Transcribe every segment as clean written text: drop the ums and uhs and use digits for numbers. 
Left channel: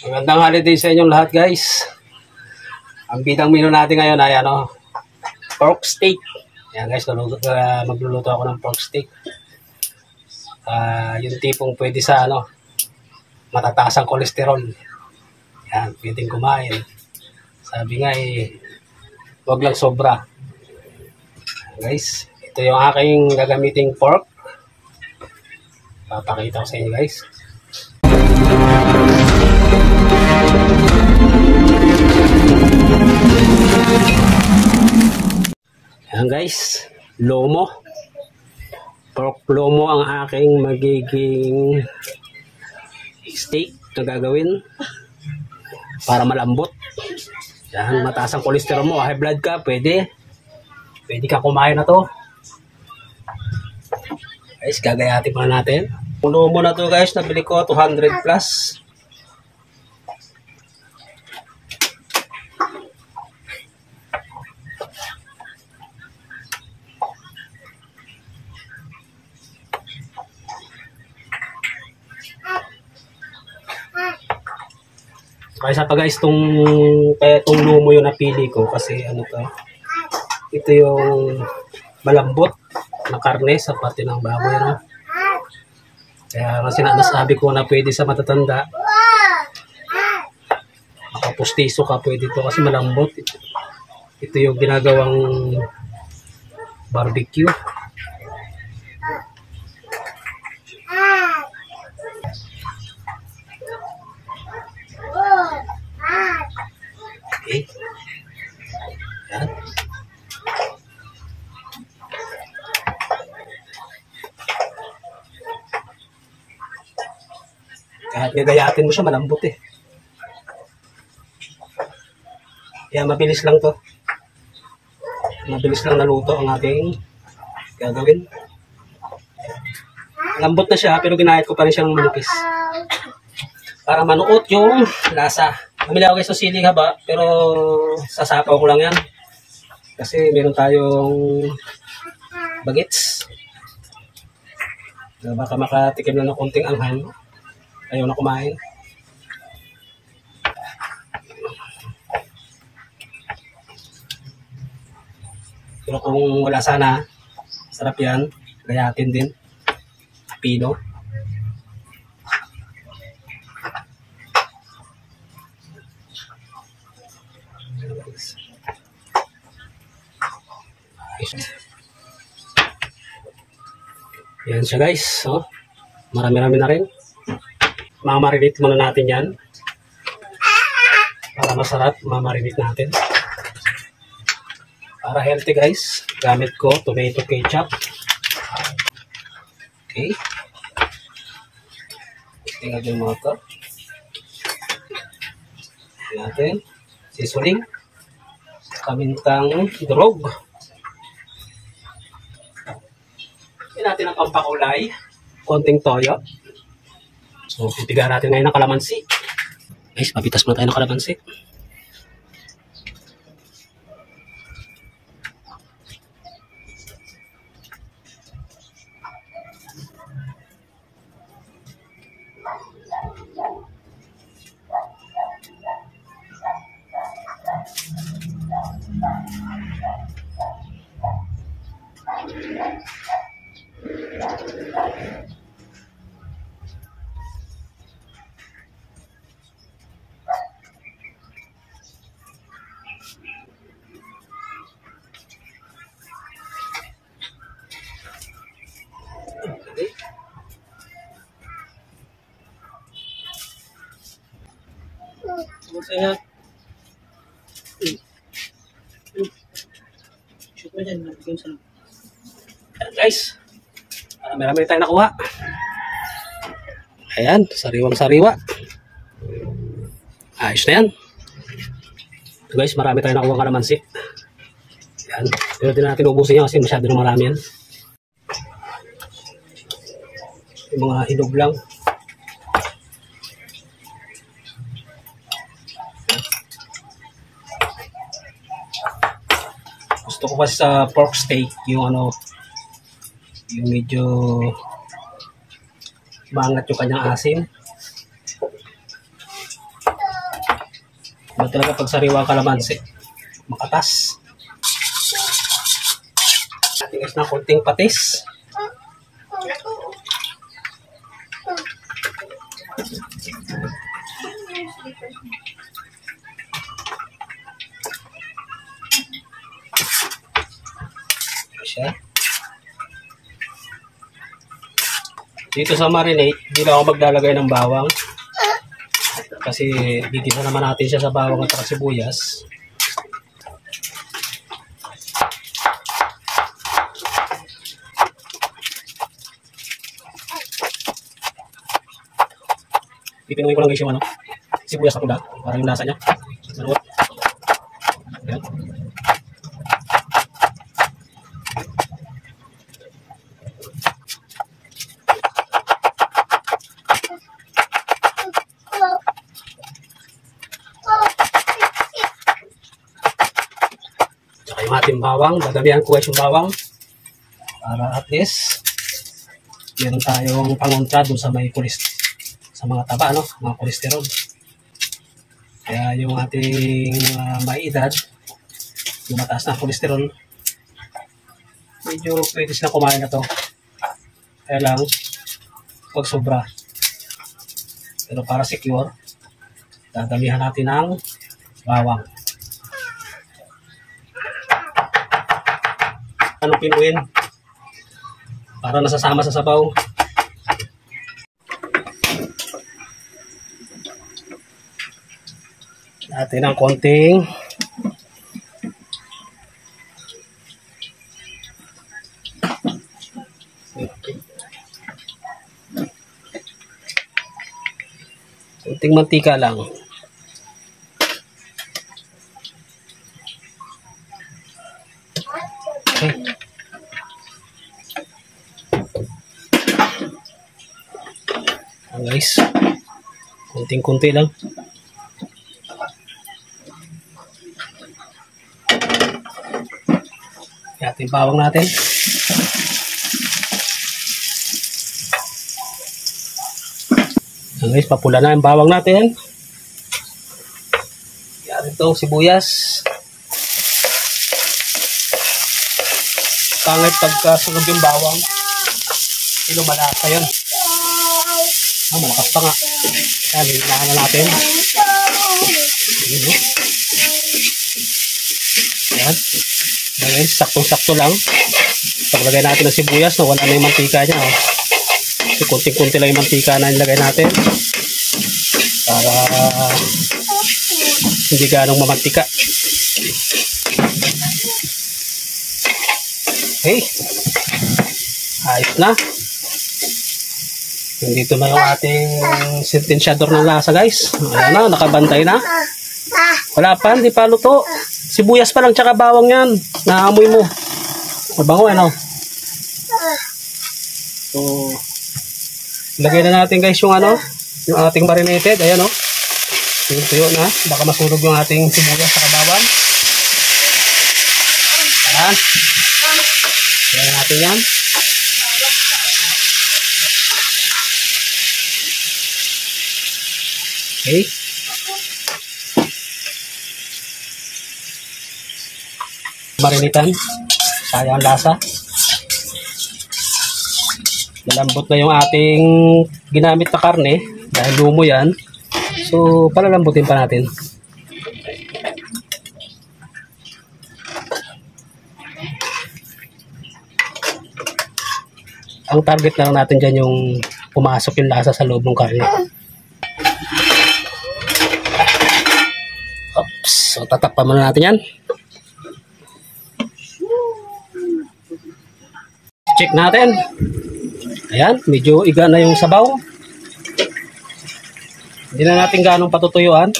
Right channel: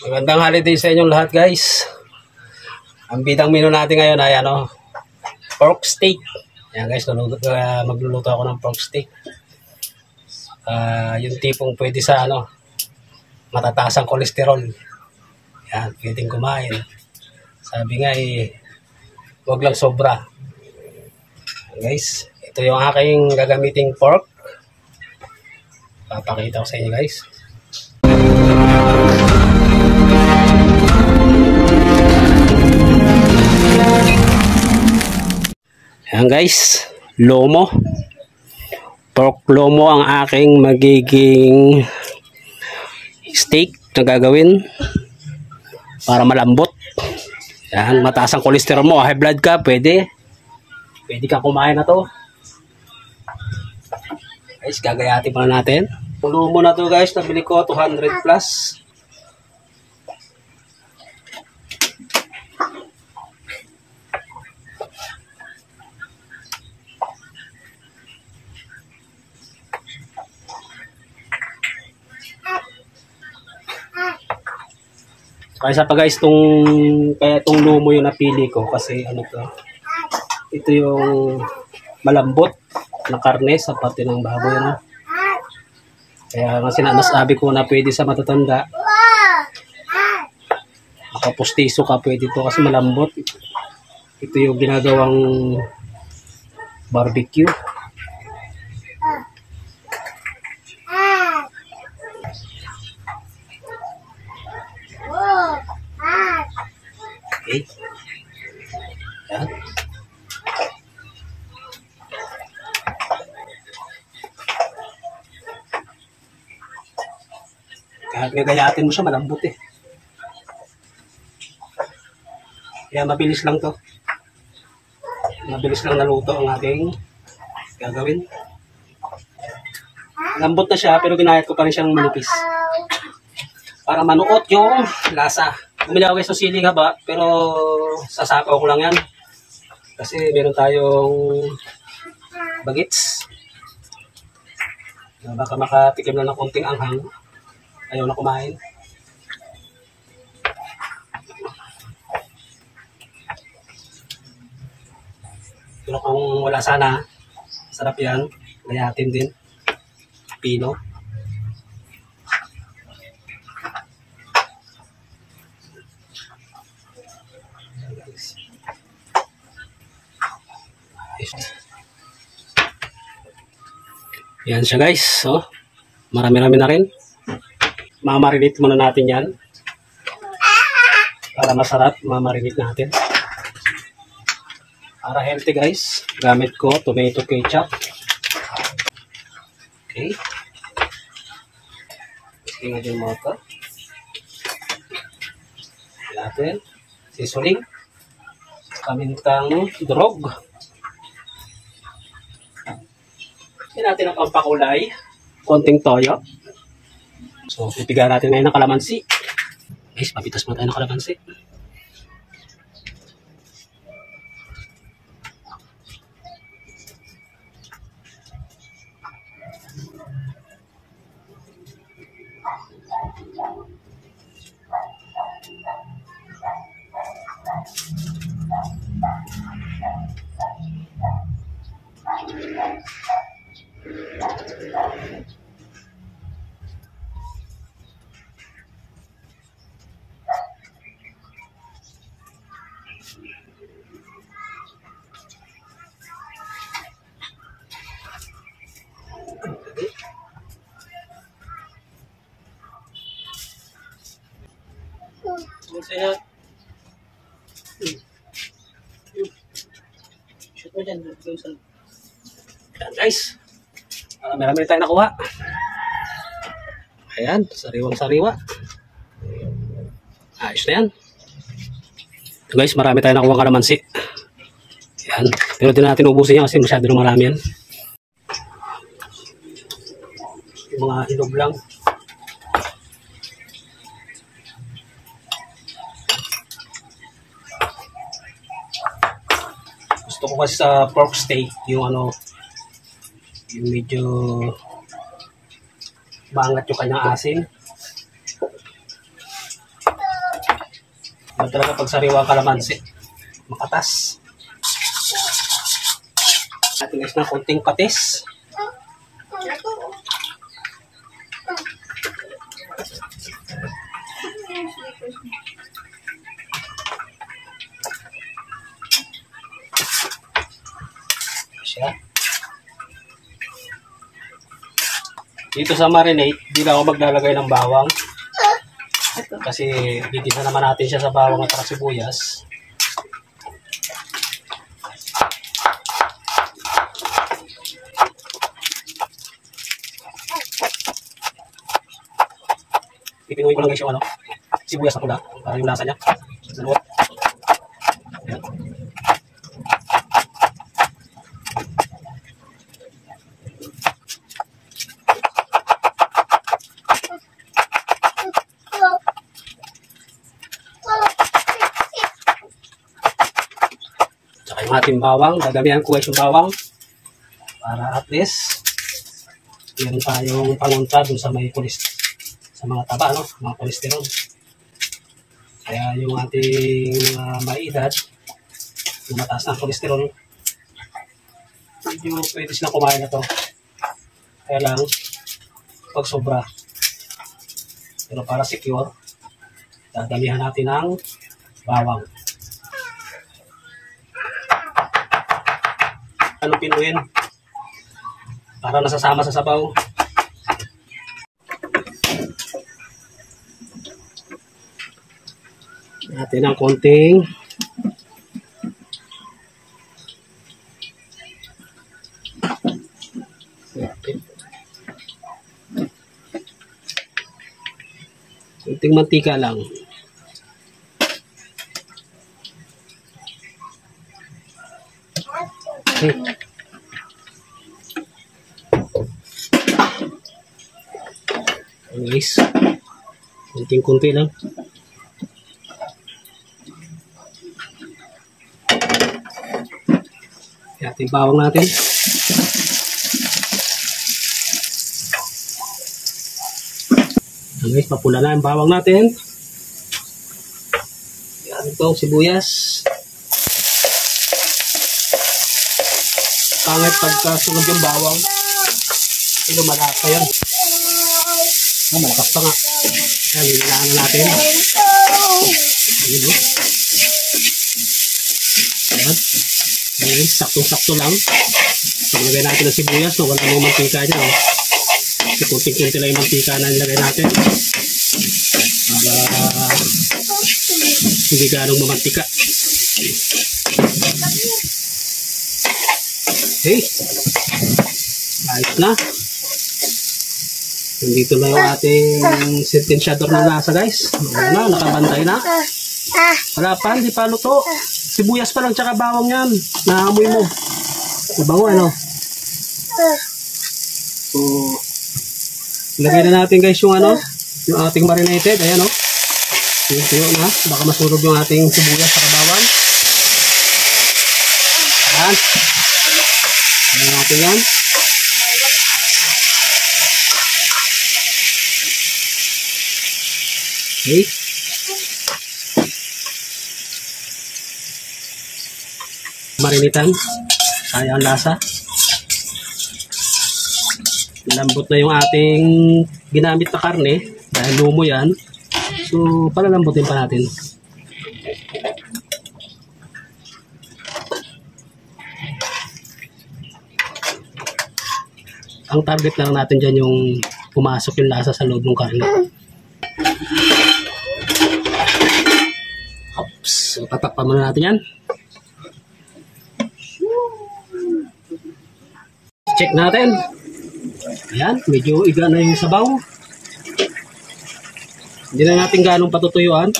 Magandang holiday sa inyong lahat, guys. Ang bidang menu natin ngayon ay pork steak. Yan guys, magluluto ako ng pork steak. Yung tipong pwede sa matataas ang kolesterol. Yan, pwedeng kumain. Sabi nga wag lang sobra. Guys, ito yung aking gagamiting pork. Papakita ko sa inyo, guys. Ayan guys, lomo. Pork lomo ang aking magiging steak na gagawin para malambot. Ayan, mataas ang kolesterol mo, high blood ka, pwede ka kumain na to. Guys, gagayatin pa natin. Yung lomo na to guys, nabili ko 200 plus. Kaya pa guys, itong lumo yung napili ko kasi ito yung malambot na karne sa parte ng baboy. Kaya sinasabi ko na pwede sa matatanda. Makapustiso ka, pwede ito kasi malambot. Ito yung ginagawang barbecue. Okay. Yan. Kahit gagayatin mo siya, malambot Kaya mabilis lang to. Mabilis lang naluto ang aking gagawin. Lambot na siya, pero ginayat ko pa rin siyang manipis. Para manuot yung lasa. Bumili ako guys ng siling haba, pero sasapaw ko lang yan. Kasi meron tayong bagets. Baka makatikim na ng konting anghang. Ayaw na kumain. Pero kung wala sana, sarap yan. Gayatin din. Pino. Yan siya guys. So, marami-rami na rin. Mamarinate muna natin yan. Para masarap, mamarinate natin. Para healthy guys, gamit ko tomato ketchup. Okay. Tingnan din mo ito. Natin. Seasoning. Kamintang drog. Yan natin ang pampakulay. Konting toyo. So, pipiga natin ngayon ng kalamansi. Guys, papitas muna tayo ng kalamansi. Saya shoot mo dyan. Ayan guys, marami tayo nakuha. Ayan, sariwang-sariwa. Ayos na yan. Ito guys, marami tayo nakuha kalamansi. Ayan, pero din natin ubusin yan kasi masyado na marami yan. Yung mga hinog lang. Gusto ko kasi sa pork steak yung medyo maangat yung kanyang asin. Iba talaga pag sariwa ang kalamansi. Makatas. Natin guys ng konting patis. Siya. Dito sa marinate, hindi na ako maglalagay ng bawang. Kasi gigisa naman natin siya sa bawang at sibuyas. Pipinuhin ko lang guys yung sibuyas na pula para yung lasa niya. Salot. Ayan. Tsaka yung ating bawang, dadamihan ko guys yung bawang para at least meron tayong pangunta dun sa may sa mga taba, mga kolesterol. Kaya yung ating may edad, yung mataas na kolesterol, medyo pwede silang kumain na to. Kaya lang, pag sobra. Pero para secure, dadamihan natin ng bawang. Anong pinuin? Para nasasama sa sabaw. Natin ng konting mantika lang. Guys, konting-konti lang. Ating bawang natin. Guys, papula na yung bawang natin. Yan itong sibuyas. Pangit pagka sunod yung bawang. Lumalasa yun. Malakas pa nga. Yan, lilaan na natin. Yan. Ayan, saktong-sakto lang. Paglagay natin ng sibuyas, wala na yung mantika dyan. So, kunti-kunti lang yung mantika na nilagay natin. Para hindi ganong mamantika. Okay. Ayos na. Nandito na yung ating sentensyador ng lasa guys. Ayan na, nakabantay na. Wala pa, hindi pa luto. Sibuyas pa lang tsaka bawang yan. Naamoy mo. Mabango ano. So, ilagay na natin guys yung yung ating marinated. Ayan o. Tuyo na. Baka masunog yung ating sibuyas tsaka bawang. Ayan. Ayan natin yan. Okay. Marinitan. Sayang lasa. Malambot na yung ating ginamit na karne. Dahil lumo yan. So, palalambutin pa natin. Ang target na lang natin dyan yung pumasok yung lasa sa loob ng karne. Oops. So, tatakpan muna natin yan. Check natin. Ayan, medyo iga na yung sabaw. Hindi na natin ganong patutuyuan.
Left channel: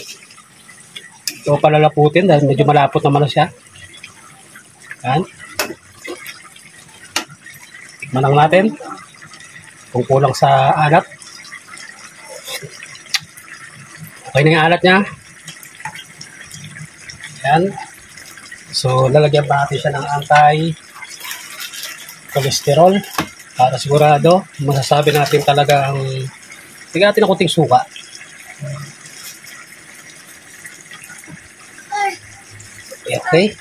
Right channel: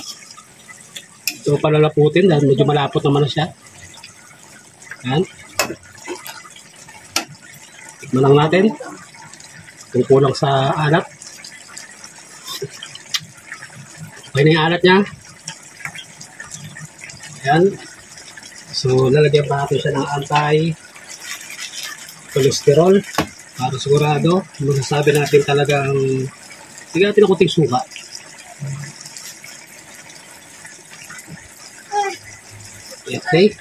So, palalaputin dahil medyo malapot naman na siya. Ayan. Tikman lang natin kung kulang sa alat. Okay na yung alat niya. Ayan. So, lalagyan pa natin siya ng anti-cholesterol para sigurado masasabi natin talagang tignan natin ng kunting suka. Okay.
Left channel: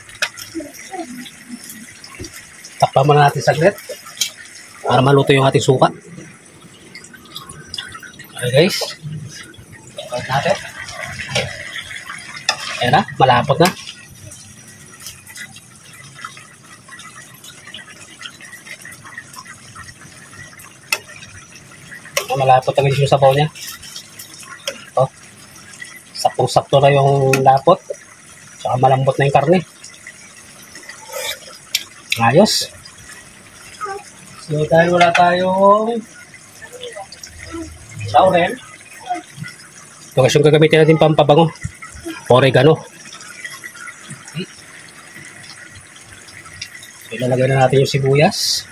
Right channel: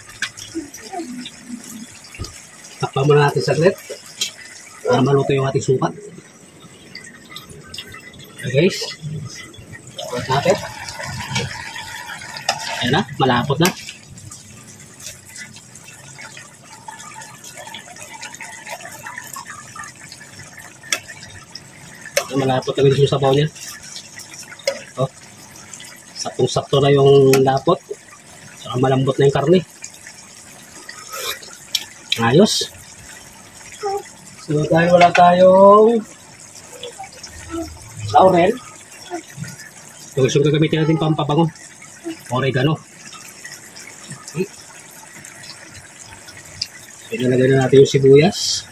Takpan muna natin saglit para maluto yung ating suka. Okay guys. Takpan natin. Ayan na, malapot na. Malapot na yung sabaw niya. Oh. Saktong-sakto na yung lapot. Saka malambot na yung karne. Ayos. So dahil wala tayong laurel, ito kasi yung gagamitin natin pampabango. Oregano. Okay. So ilalagay na natin yung sibuyas.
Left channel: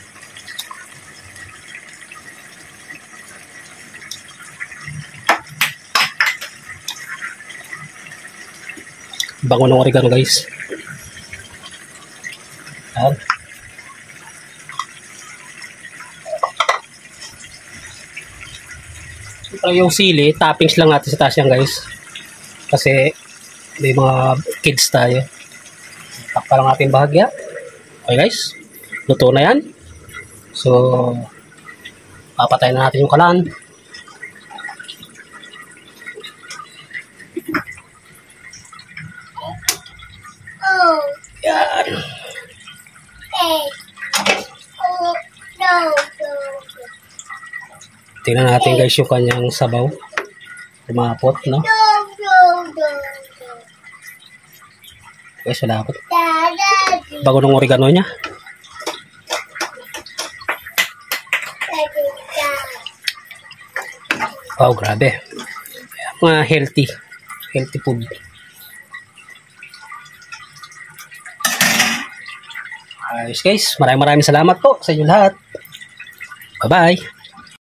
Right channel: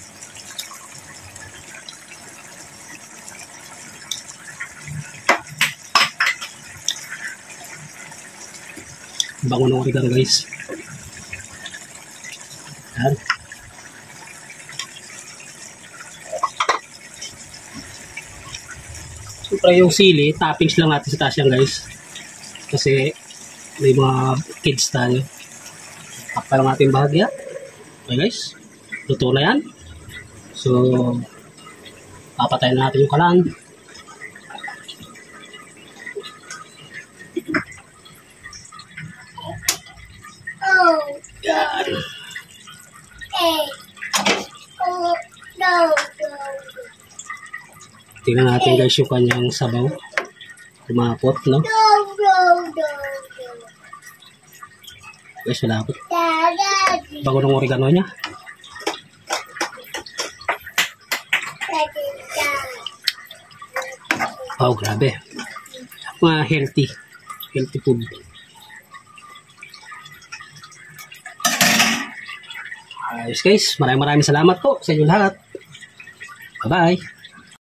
Bango ng oregano guys. Ayan. Siyempre yung sili, toppings lang natin sa taas yan guys. Kasi may mga kids tayo. Takpa lang natin bahagya. Okay guys. Luto na yan. So, papatayin na natin yung kalan. Yan. Tingnan natin guys yung kanyang sabaw. Kumapot, no? Guys, malapot. Bago ng oregano niya. Wow, grabe. Mga healthy food. Ayos guys, maraming salamat po sa inyo lahat. Bye-bye.